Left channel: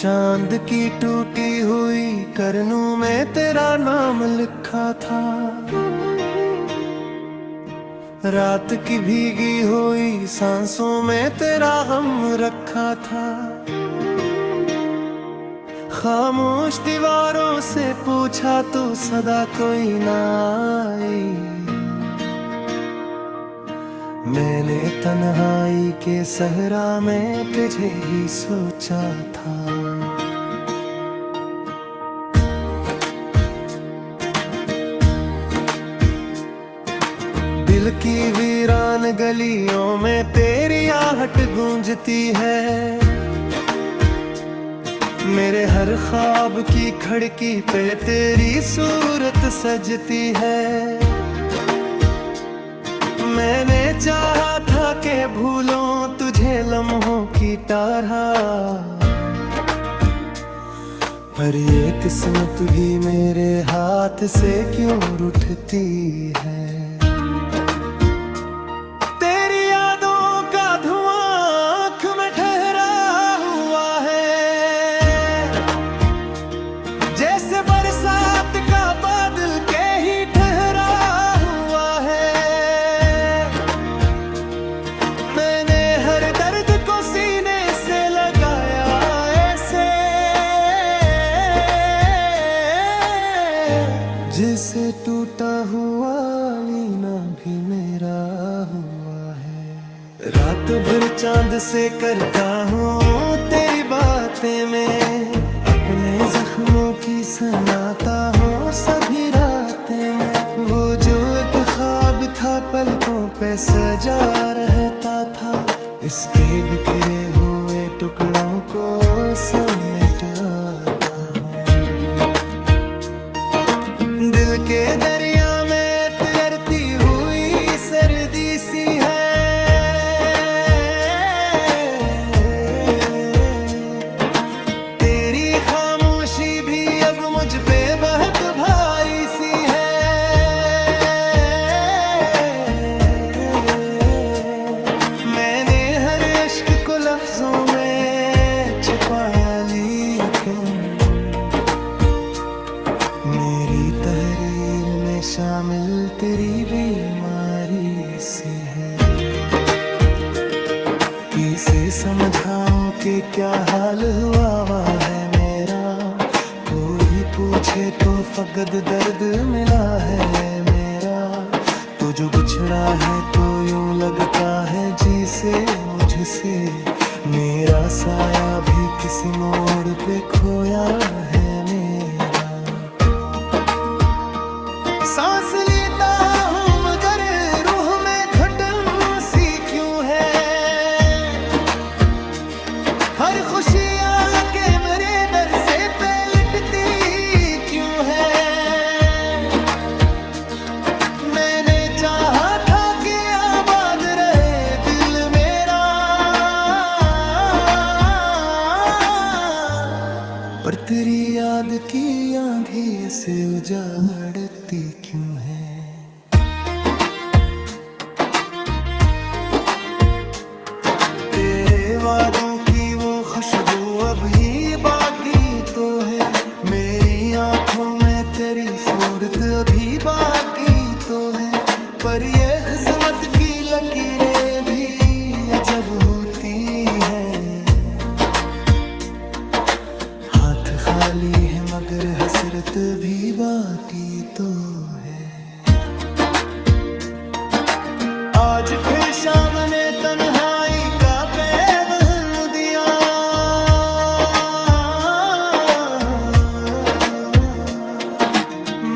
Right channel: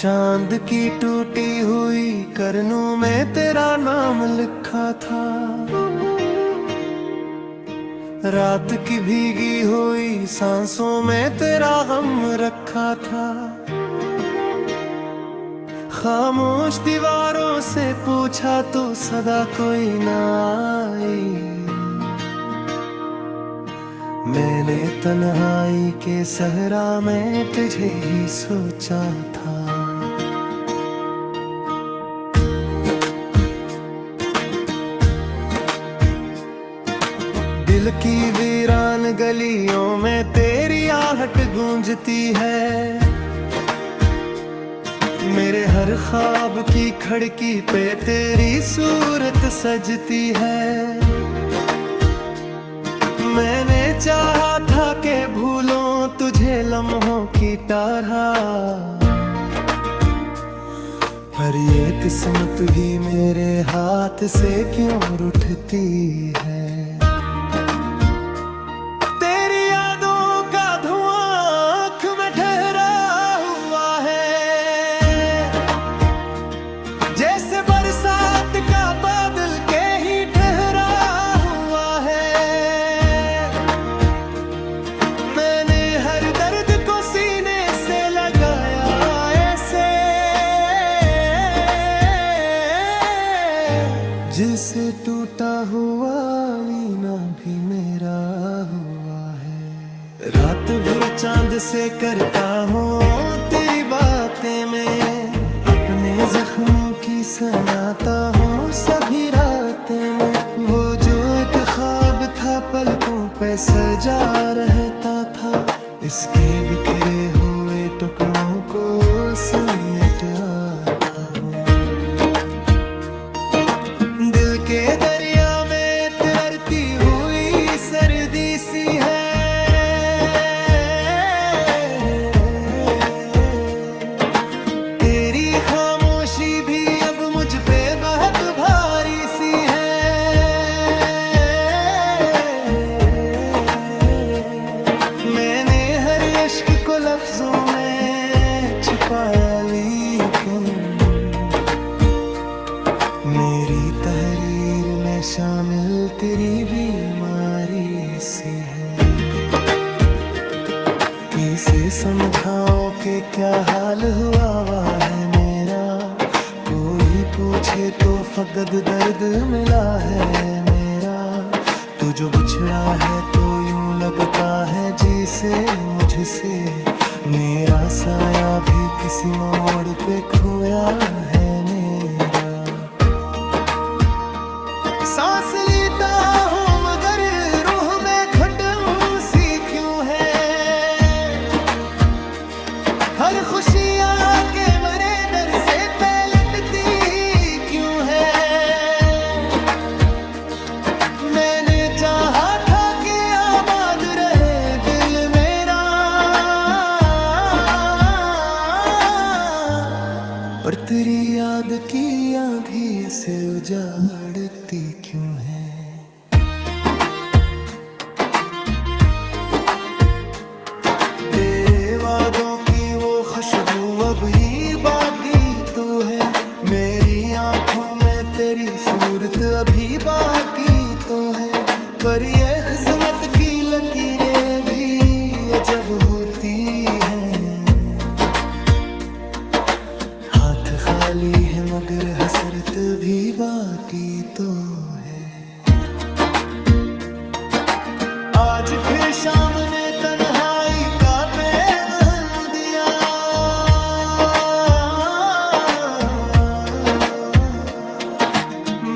चांद की टूटी हुई करनों में तेरा नाम लिखा था। रात की भीगी हुई सांसों में तेरा गम रखा था। खामोश दीवारों से पूछा तो सदा कोई ना आई। मैंने तन्हाई के सहरा में तुझे ही सोचा था। दिल की वीरान गलियों में तेरी आहट गूंजती है। मेरे हर ख्वाब की खिड़की पे तेरी सूरत सजती है। मैंने चाहा था कि भूलों तुझे लम्हों की तरह, पर ये किस्मत भी मेरे हाथ से क्यों रूठती है। तेरी यादों का धुआं आँख में ठहरा हुआ है, जैसे बरसात का बादल के ही ठहरा हुआ है। मैंने हर दर्द को सीने से लगाया ऐसे, जिसे टूटा हुआ लीना भी मेरा हुआ है। रात भर चांद से करता हूँ तेरी बातें में, अपने जख्मों की सुनाता हूँ सभी रातें में। वो जो एक ख्वाब था पलकों पे सजा रहता था, इसके बिखरे हुए टुकड़ों को समेट आता हूँ। दिल के दरिया में तिरती हुई सर्दी सी है। तेरी खामोशी भी अब मुझ पे बहुत भारी सी है। मैंने हर इश्क को लफ्जों में छुपाया, लेकिन मेरी तहरीर में शामिल तेरी बीमारी सी है। किसे समझाओ कि क्या हाल हुआ है मेरा, कोई पूछे तो फकद दर्द मिला है मेरा। तू जो बिछड़ा है तो यूं लगता है जिसे मुझसे मेरा साया भी किसी मोड़ पे खोया है मेरा। सांस लेता हूँ मगर रूह में घुटन सी क्यों है। हर खुशी आके मेरे दर से पलटती क्यों है। मैंने चाहा था कि आबाद रहे दिल मेरा, पर तेरी याद की आंधी से उजाड़ती क्यों है। तेरे वादों की वो खुशबू अभी बाकी तो है। मेरी आंखों में तेरी सूरत अभी बाकी तो है, पर ये किस्मत की लकीरें भी अजब होती हैं। हाथ खाली है मगर हसरत भी बाकी तो है। आज फिर शाम ने तन्हाई का पैगाम दिया।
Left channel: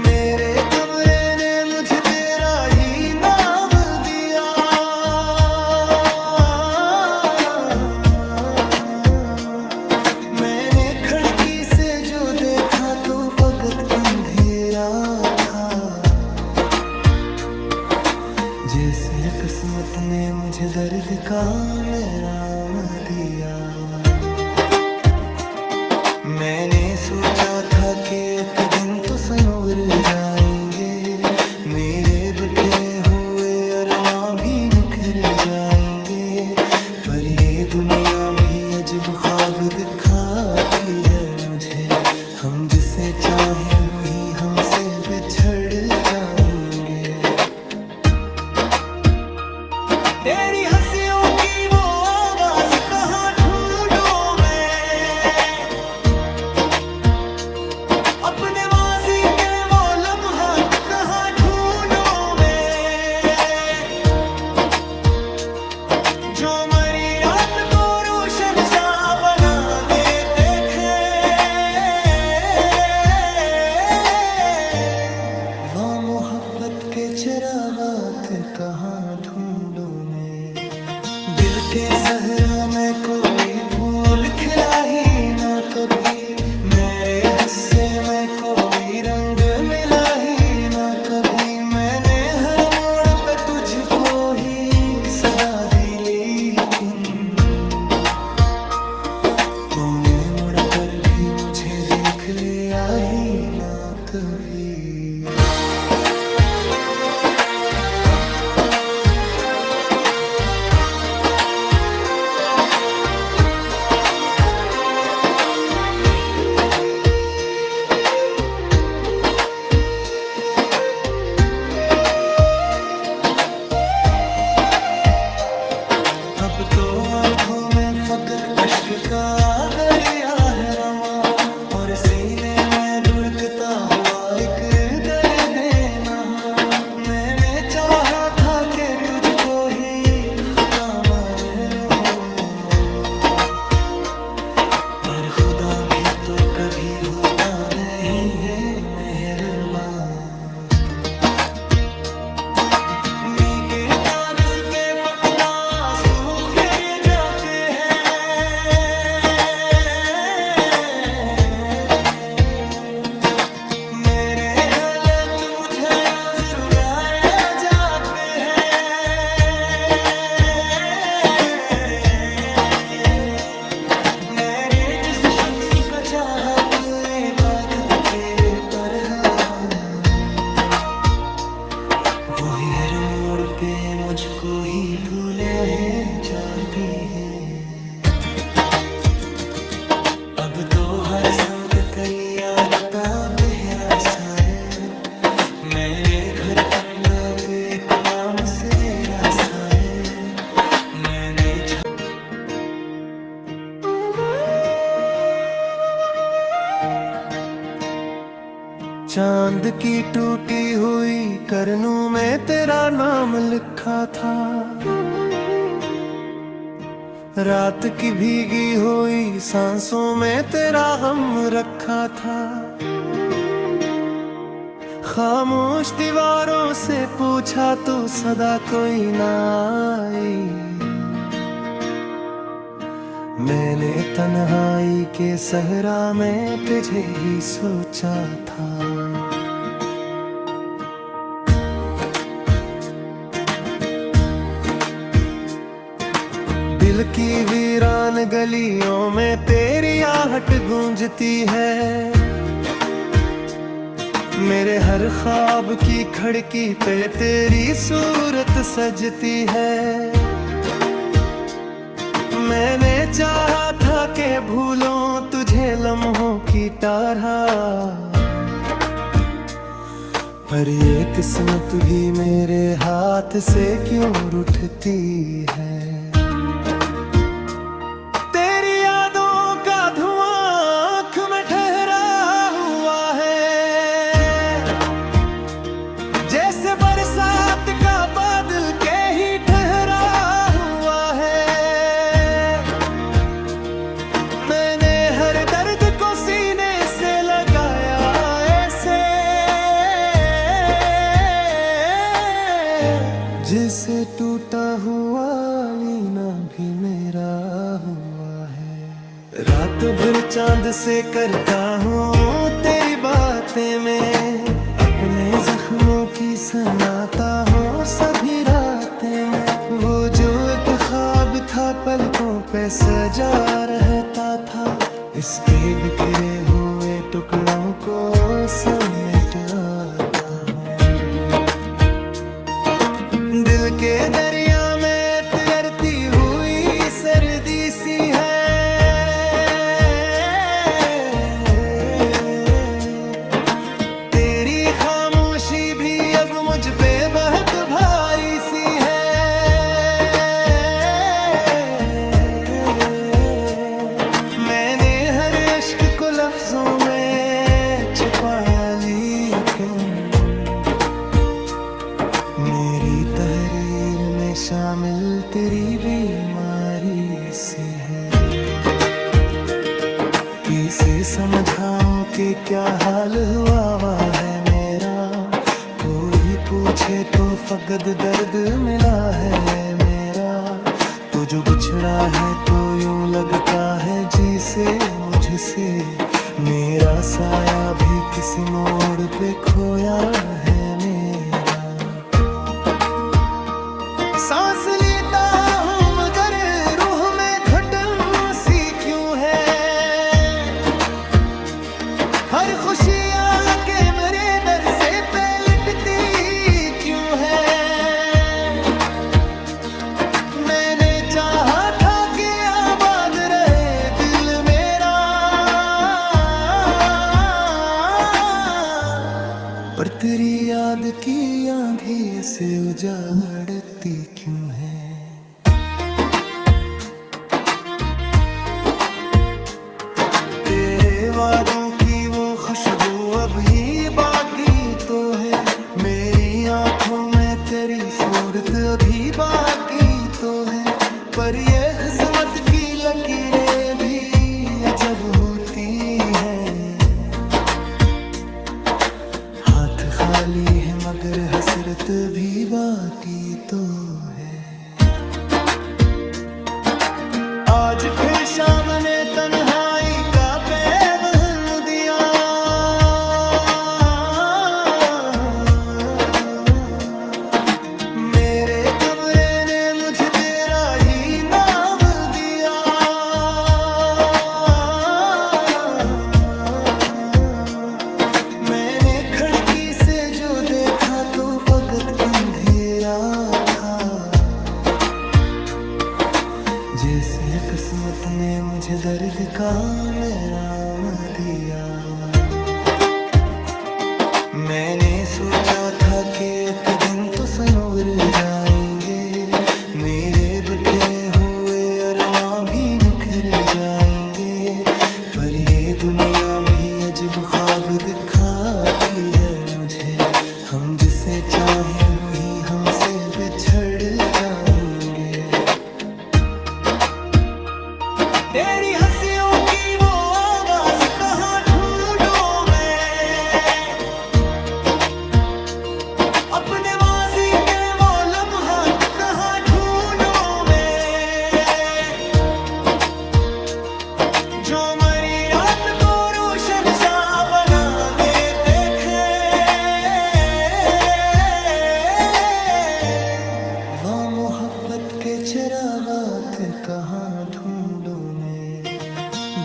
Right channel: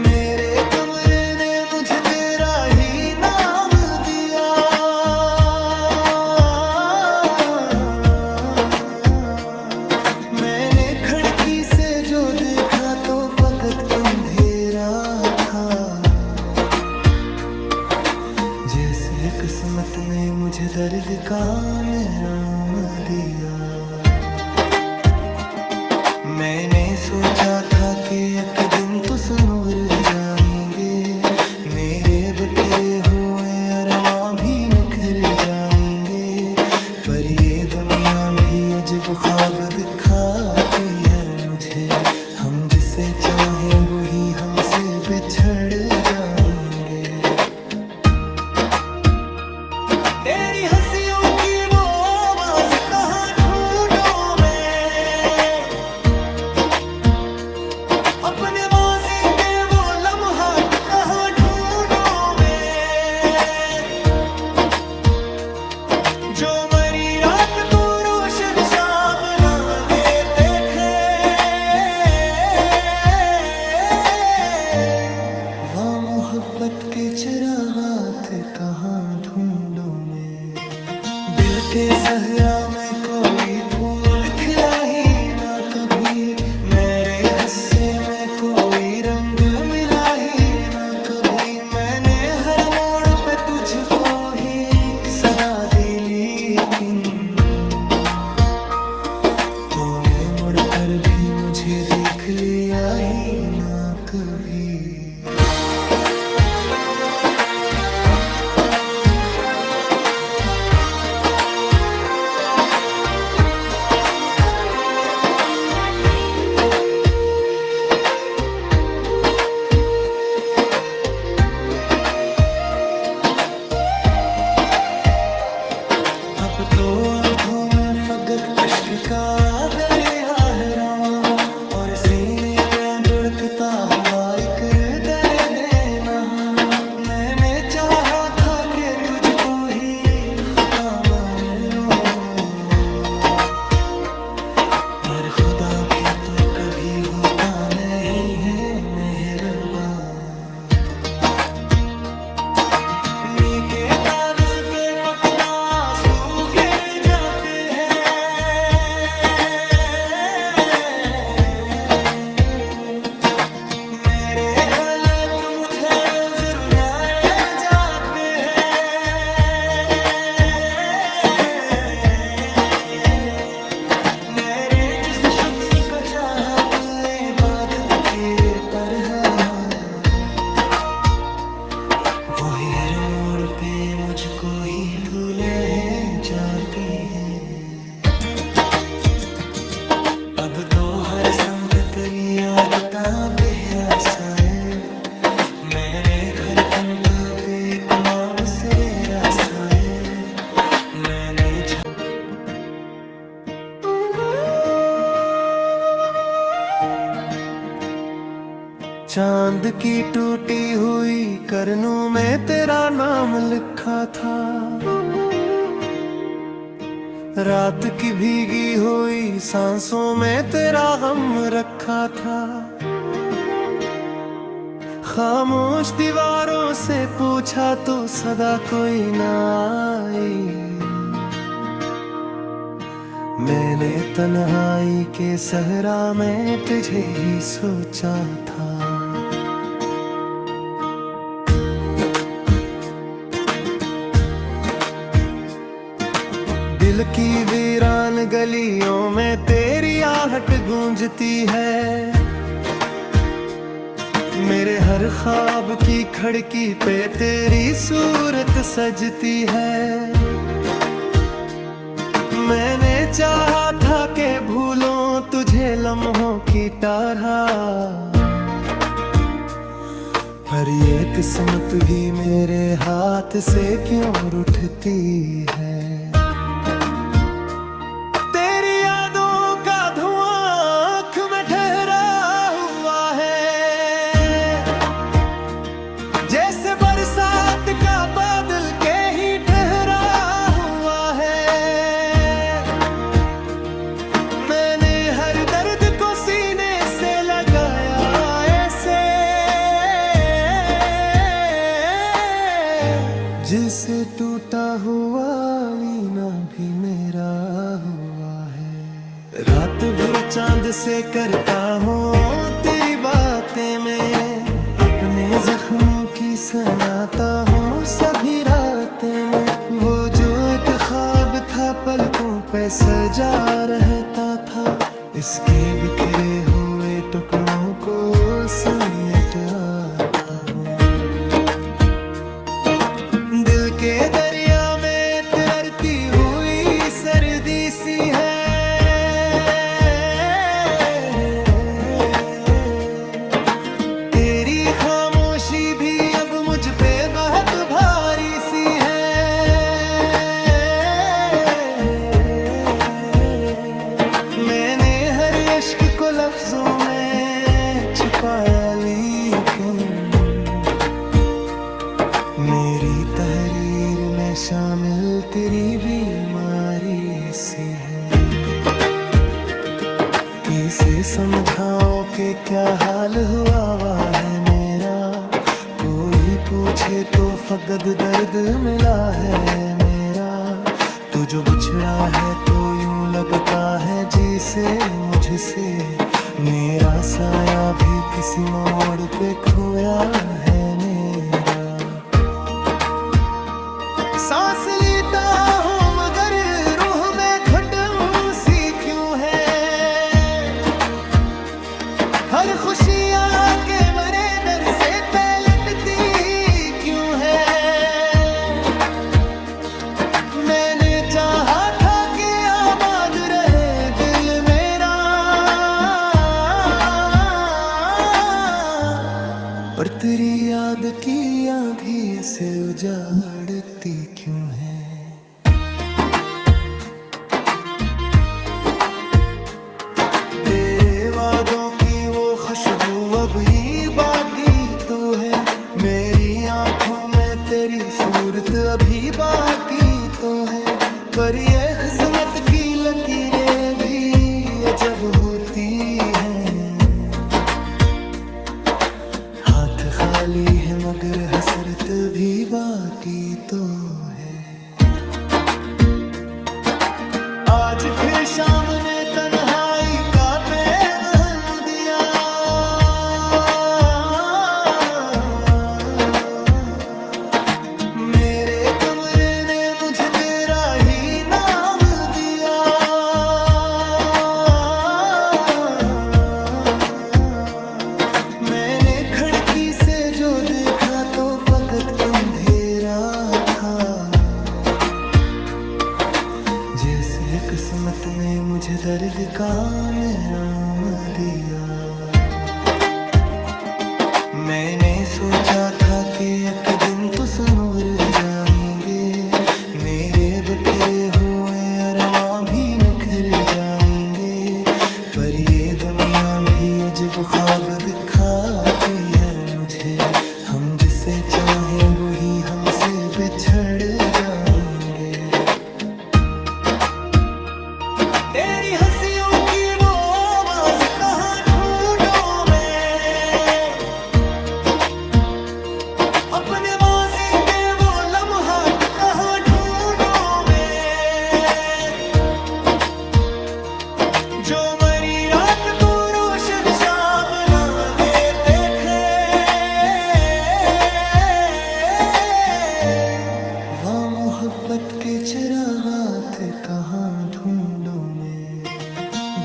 मेरे कमरे ने मुझे तेरा ही नाम दिया। मैंने खिड़की से जो देखा तो फकत अंधेरा था, जैसे किस्मत ने मुझे दर्द का मेराम दिया। मैंने सोचा था कि एक दिन तो संवर जाएंगे, मेरे बिखरे हुए अरमां भी निखर जाएंगे। पर ये दुनिया भी अजब ख्वाब दिखाती है मुझे। हम जिसे चाहें वही हमसे बिछड़ जाएंगे। तेरी हंसियों की वो आवाज कहाँ ढूंढूं मैं, अपने माजी के वो लम्हात कहाँ ढूंढूं मैं, जो मरी रात को रोशन सा बना देते थे। वहाँ मोहब्बत के चिरागात कहाँ ढूंढूं मैं, दिल के सहरा में कोई फूल खिला ही ना कभी, मेरे हिस्से में कोई रंग मिला ही ना कभी। मैंने हर मोड़ पे तुझको ही सदा दी, लेकिन तूने मुड़ कर भी मुझे देख लिया ही ना कभी। अब तो आंखों में फकत अश्क का दरिया है रवां, और सीने में धुड़कता हुआ एक दर्द नहा। मैंने चाहा था कि तुझको ही खुदा मान लो, पर खुदा भी तो कभी होता नहीं है मेहरबान। के तारस पे फकता आंसू गिर जाते हैं, मेरे हालत मुझे रोज रुलाए जाते हैं। मेरे जिस शख्स का चाहत इबादत तेरे तरह, वो है हर मोड़ पे मुझको ही भूले है जाती है। अब तो हर संत तेरी याद का पहरा साए, मैंने घर कन तब एक माम सरेरा साए। मैंने चांद की टूटी हुई करनों में तेरा नाम लिखा था, रात की भीगी हुई सांसों में तेरा गम रखा था। खामोश दीवारों से पूछा तो सदा कोई ना आई, मैंने तन्हाई के सहरा में तुझे ही सोचा था। दिल की वीरान गलियों में तेरी आहट गूंजती है, मेरे हर ख्वाब की खिड़की पे तेरी सूरत सजती है। मैंने चाहा था कि भूलों तुझे लम्हों की तरह, पर ये किस्मत भी मेरे हाथ से क्यों रूठती है। तेरी यादों का धुआं आँख में ठहरा हुआ है, जैसे बरसात का बादल के ही ठहरा हुआ है। मैंने हर दर्द को सीने से लगाया ऐसे, जिसे टूटा हुआ लीना भी मेरा हुआ है। रात भर चांद से करता हूँ तेरी बातें में, अपने जख्मों की सुनाता हूँ सभी रातें में। वो जो एक ख्वाब था पलकों पे सजा रहता था, इसके बिखरे हुए टुकड़ों को समेट आता हूँ। दिल के दरिया में तैरती हुई सी है। तेरी खामोशी भी अब मुझ पे बहुत भारी सी है। मैंने हर इश्क को लफ्जों में छुपाया, लेकिन मेरी तहरीर में शामिल तेरी बीमारी सी है। किसे समझाओ कि क्या हाल हुआ वा है मेरा, कोई पूछे तो फकत दर्द मिला है मेरा। तू जो बिछड़ा है तो यूं लगता है जिसे मुझसे मेरा साया भी किसी मोड़ पे खोया है मेरा। सांस लेता हूँ मगर रूह में घुटन सी क्यों है। हर खुशी आके मेरे दर से पलटती क्यों है। मैंने चाहा था कि आबाद रहे दिल मेरा, पर तेरी याद की आंधी से उजाड़ती क्यों है। तेरे वादों की वो खुशबू अभी बाकी तो है। मेरी आंखों में तेरी सूरत अभी बाकी तो है। पर ये किस्मत की लकीरें भी अजब होती हैं। हाथ खाली है मगर हसरत भी बाकी तो है। आज फिर शाम ने तन्हाई का पैगाम दिया। मेरे कमरे ने मुझे तेरा ही नाम दिया। मैंने खिड़की से जो देखा तो फकत अंधेरा था। जैसे किस्मत ने मुझे दर्द का मेराम दिया। मैंने सोचा था कि एक दिन तो सनवर जाएंगे। मेरे बिखरे हुए अरमां भी निखर जाएंगे। पर ये दुनिया भी अजब ख्वाब दिखाती है मुझे। हम जिसे चाहें वही हमसे बिछड़ जाएंगे। तेरी हंसियों की वो आवाज कहाँ ढूंढूं मैं। अपने माजी के वो लम्हात कहाँ ढूंढूं मैं। जो मरी रात को रोशन सा बना देते थे। वह मोहब्बत के चिरागात कहाँ ढूंढूं मैं।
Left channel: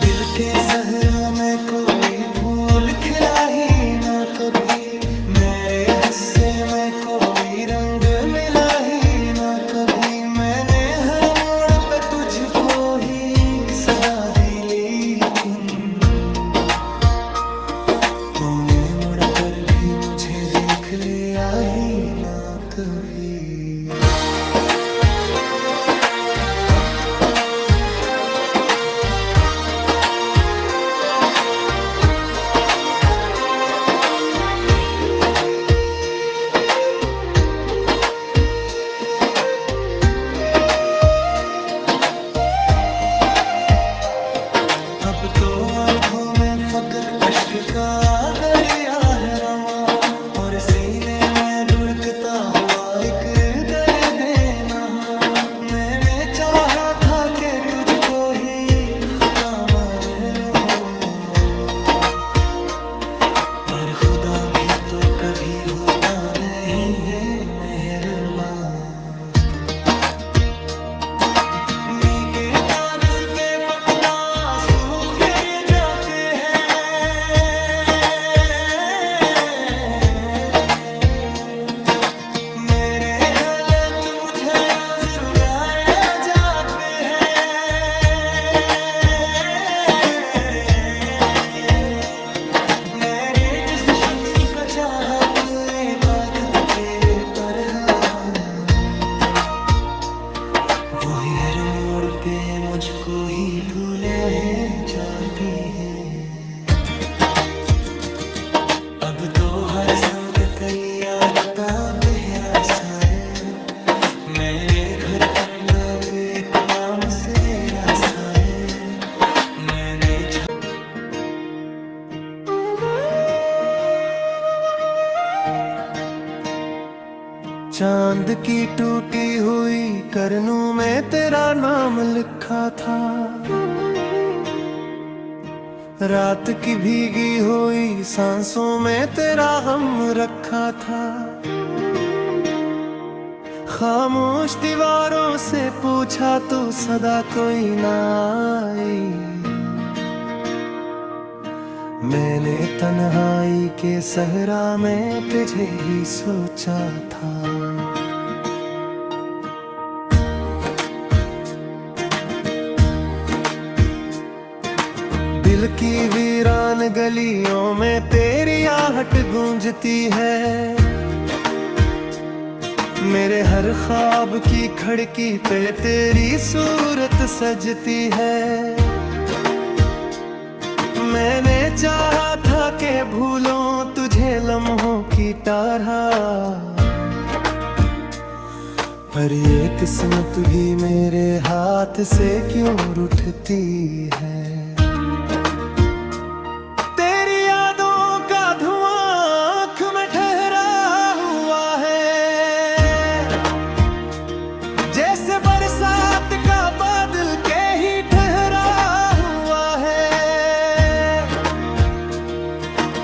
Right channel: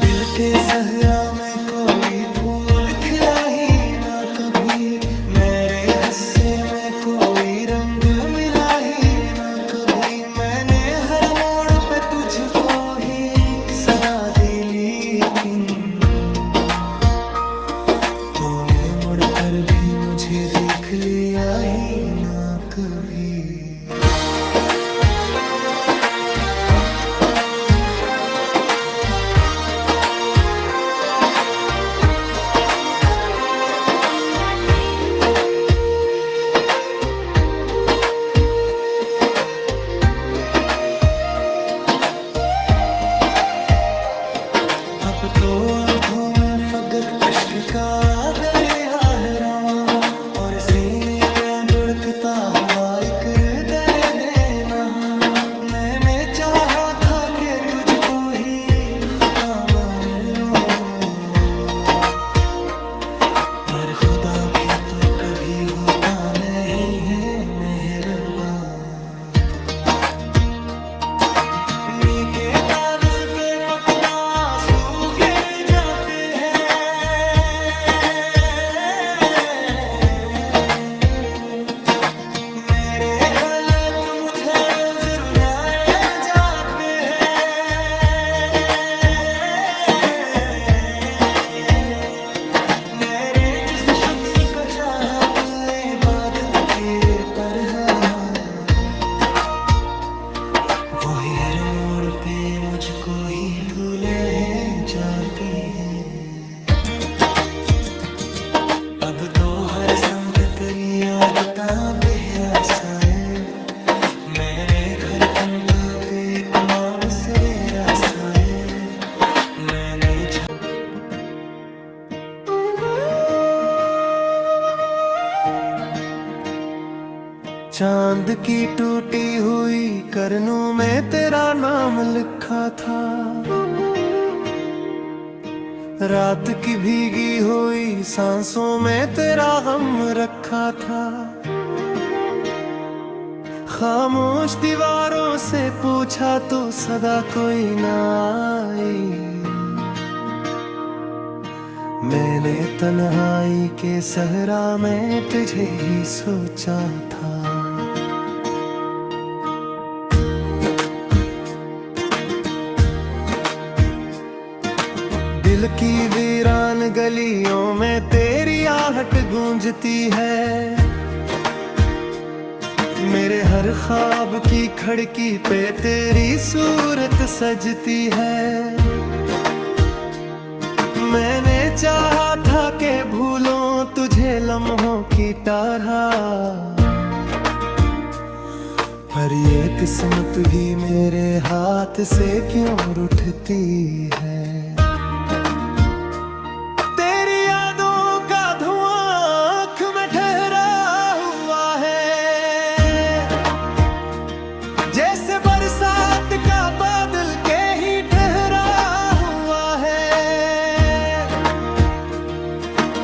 दिल के सहरा में कोई फूल खिला ही ना कभी। मेरे हिस्से में कोई रंग मिला ही ना कभी। मैंने हर मोड़ पे तुझको ही सदा दी, लेकिन तूने मुड़कर भी मुझे देख लिया ही ना कभी। अब तो आंखों में फकत अश्क का दरिया है रवां। और सीने में धुड़कता हुआ एक दर्द नहा। मैंने चाहा था कि तुझको ही खुदा मान लो। पर खुदा भी तो कभी होता नहीं है मेहरबान। के तारस पे फकता आंसू गिर जाते हैं। मेरे हालात मुझे रोज रुलाए जाते हैं। चाहत इबादत तेरे पर है। वो है हर मोड़ पे मुझको ही भूले है जाती है। अब तो हर संत तेरी याद ता पहरा साए। मैंने घर कंता बेक माम सरेरा साए। मैंने चांद की टूटी हुई करनों में तेरा नाम लिखा था। रात की भीगी हुई सांसों में तेरा गम रखा था। खामोश दीवारों से पूछा तो सदा कोई ना आई। मैंने तन्हाई के सहरा में तुझे ही सोचा था। दिल की वीरान गलियों में तेरी आहट गूंजती है। मेरे हर ख्वाब की खिड़की पे तेरी सूरत सजती है। मैंने चाहा था कि भूलों तुझे लम्हों की तरह, पर ये किस्मत भी मेरे हाथ से क्यों रूठती है। तेरी यादों का धुआं आँख में ठहरा हुआ है। जैसे बरसात का बादल के ही ठहरा हुआ है।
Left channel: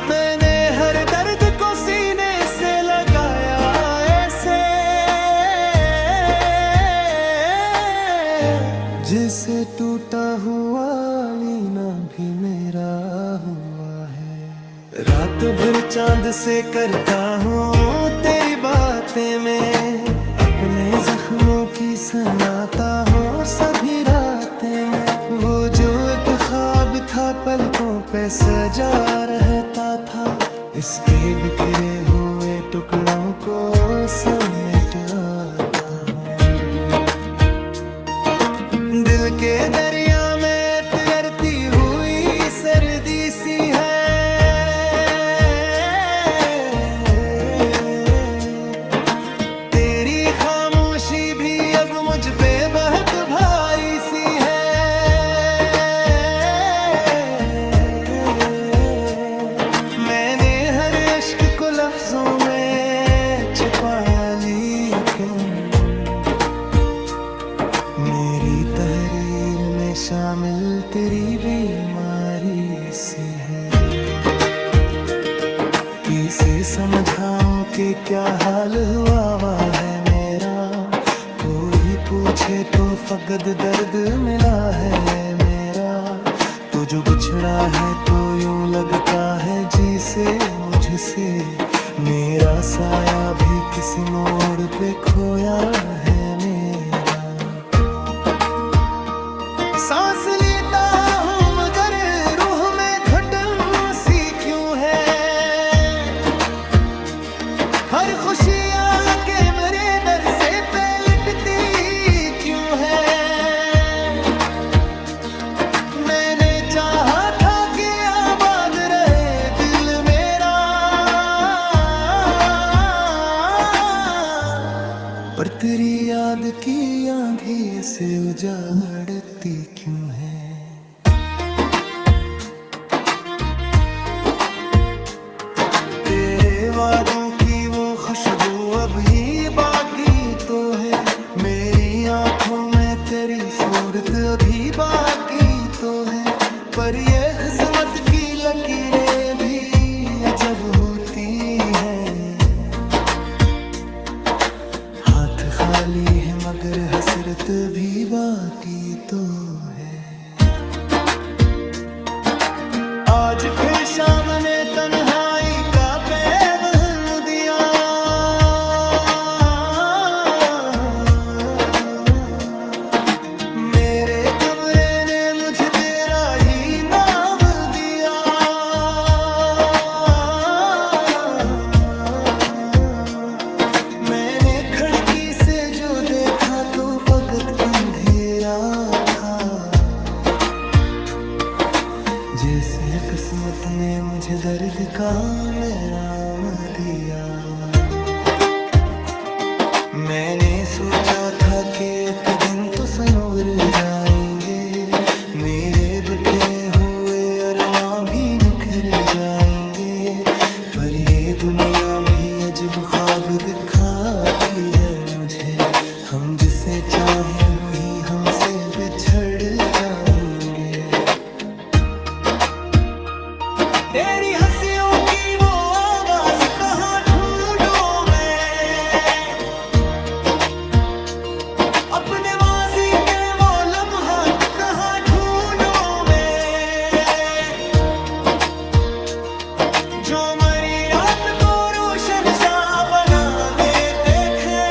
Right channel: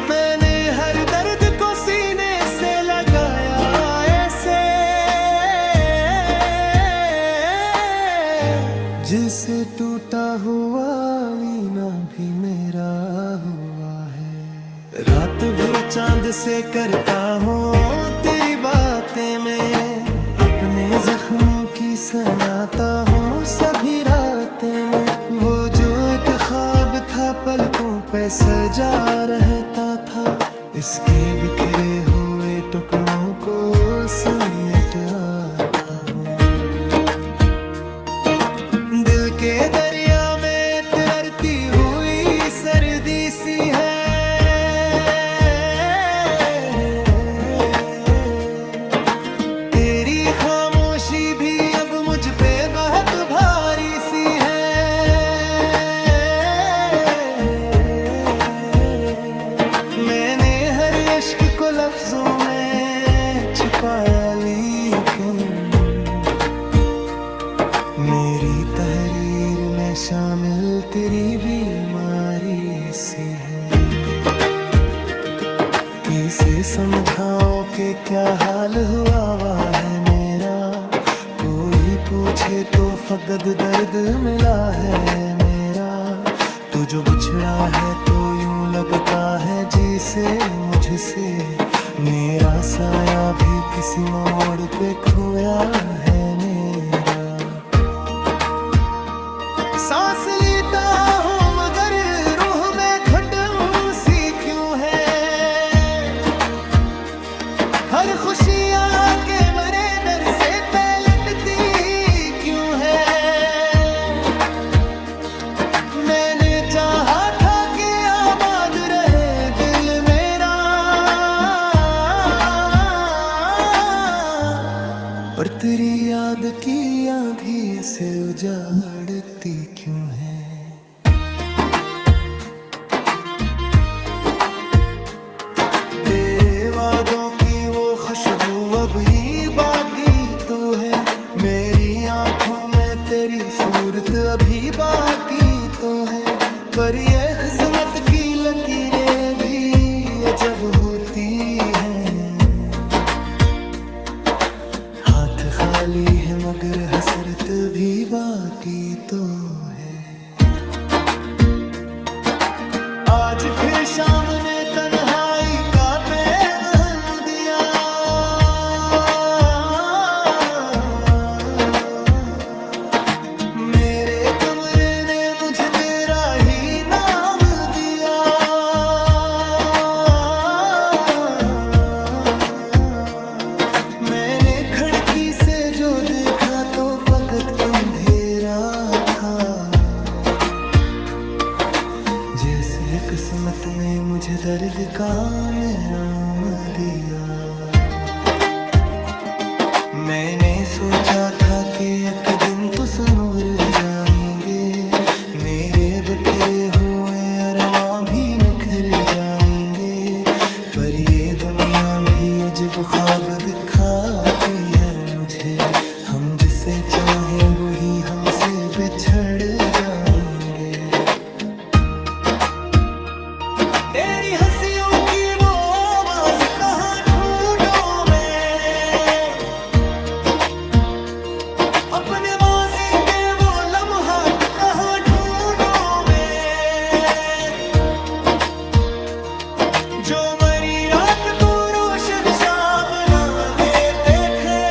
मैंने हर दर्द को सीने से लगाया ऐसे, जिसे टूटा हुआ लीना भी मेरा हुआ है। रात भर चांद से करता हूँ तेरी बातें में, अपने जख्मों की सुनाता हूँ सभी रातें में। वो जो एक ख्वाब था पलकों पे सजा रहता था, इसके बिखरे हुए टुकड़ों को समेट आता हूँ। दिल के दरिया में तिरती हुई सर्दी सी है। तेरी खामोशी भी अब मुझ पे बहुत भारी सी है। मैंने हर इश्क को लफ्जों में छुपाया, लेकिन मेरी तहरीर में शामिल तेरी बीमारी सी है। किसे समझाओ कि क्या हाल हुआ वा है मेरा। कोई पूछे तो फकद दर्द मिला है मेरा। तू जो बिछड़ा है तो यूं लगता है जी से मुझसे। मेरा साया भी किसी मोड़ पे खोया है मेरा। सांस लेता हूँ मगर रूह में घुटन सी क्यों है। हर खुशी आके मेरे दर से पलटती क्यों है। मैंने चाहा था कि आबाद रहे दिल मेरा, पर तेरी याद की आंधी से उजाड़ती क्यों है। तेरे वादों की वो खुशबू अभी बाकी तो है। मेरी आंखों में तेरी सूरत अभी बाकी तो है। पर ये किस्मत की लकीरें भी अजब होती हैं। हाथ खाली है मगर हसरत भी बाकी तो है। आज फिर शाम ने तन्हाई का पैगाम दिया। मेरे कमरे ने मुझ तेरा ही नाम दिया। वक्त अंधेरा था, जैसे किस्मत ने मुझे दर्द का मेराम दिया। मैंने सोचा था कि एक दिन तो सनवर जाएंगे, मेरे बिखरे हुए अरमां भी निखर जाएंगे। पर ये दुनिया भी अजब ख्वाब दिखाती है मुझे, हम जिसे चाहें वही हमसे बिछड़ जाएंगे। तेरी हंसियों की वो आवाज कहाँ ढूंढूं मैं, अपने माजी के वो लम्हात कहाँ ढूंढूं मैं, जो मरी रात को रोशन सा बना देते थे।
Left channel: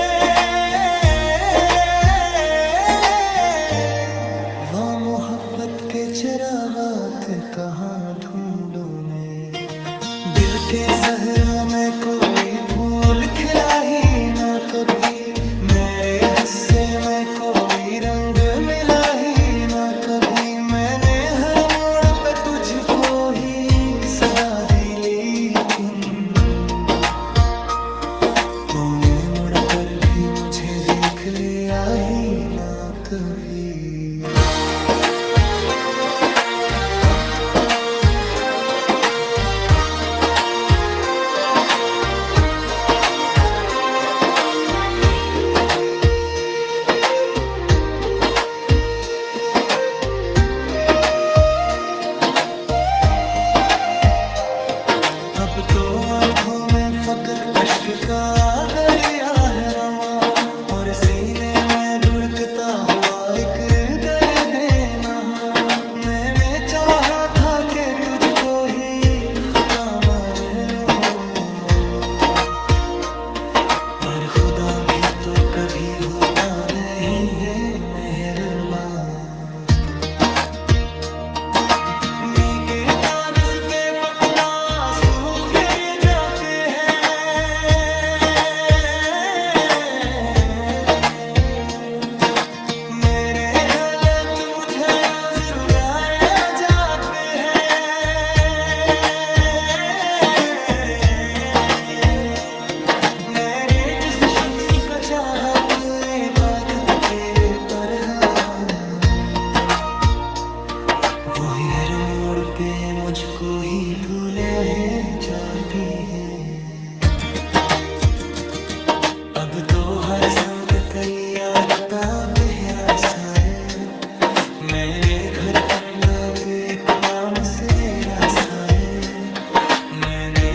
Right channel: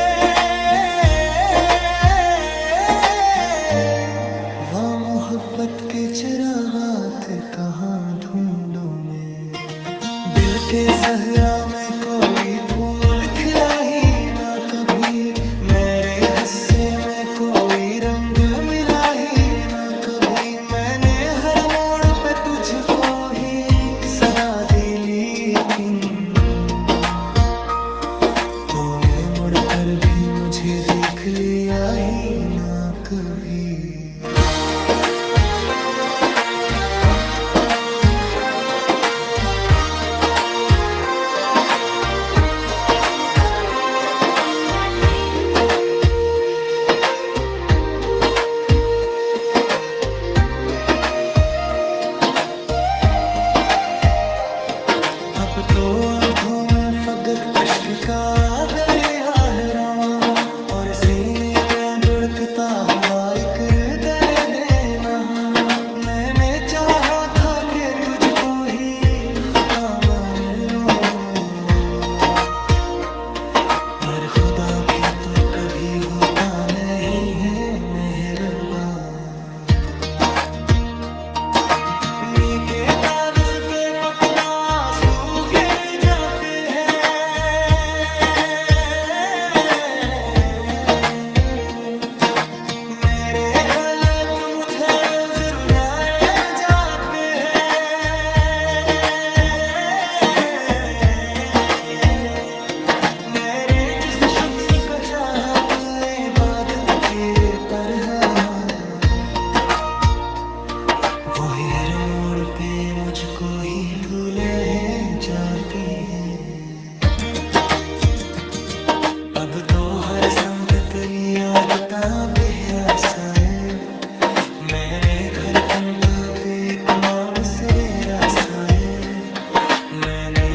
वह मोहब्बत के चिरागात कहाँ ढूंढूं मैं, दिल के सहरा में कोई फूल खिला ही ना कभी, मेरे हिस्से में कोई रंग मिला ही ना कभी। मैंने हर मोड़ पे तुझको ही सदा दी, लेकिन तूने मुड़कर भी मुझे देख लिया ही ना कभी। अब तो आंखों में फकत अश्क का दरिया है रवां, और सीने में धुड़कता हुआ एक दर्द नहा। मैंने चाहा था कि तुझको ही खुदा मान लो, पर खुदा भी तो कभी होता नहीं है मेहरबान। के तारस पे फकता आंसू गिर जाते हैं, मेरे हालत मुझे रोज रुलाए जाते हैं। मेरे जिस शख्स का चाहत इबादत तेरे पर है, वो हर मोड़ पे मुझको ही भूले है जाती है। अब तो हर संत तेरी याद का पहरा साए, मैंने घर कन तो एक माम सरेरा साए। मैंने